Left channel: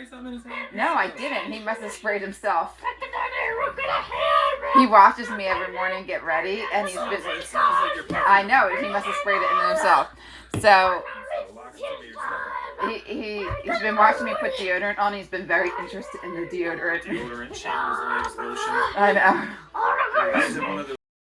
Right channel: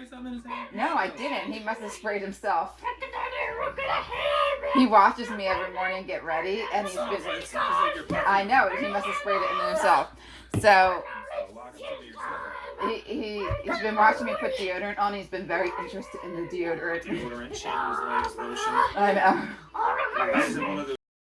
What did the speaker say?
spray something in his hand? No, I didn't. He must have sprayed himself. He watches me every morning get ready, and he's been. I know, he must have sprayed it in himself. So he's been watching me put deodorant on. He's been very interested in the deodorant. Deodorant, showers, lotion. I know. Is it one of those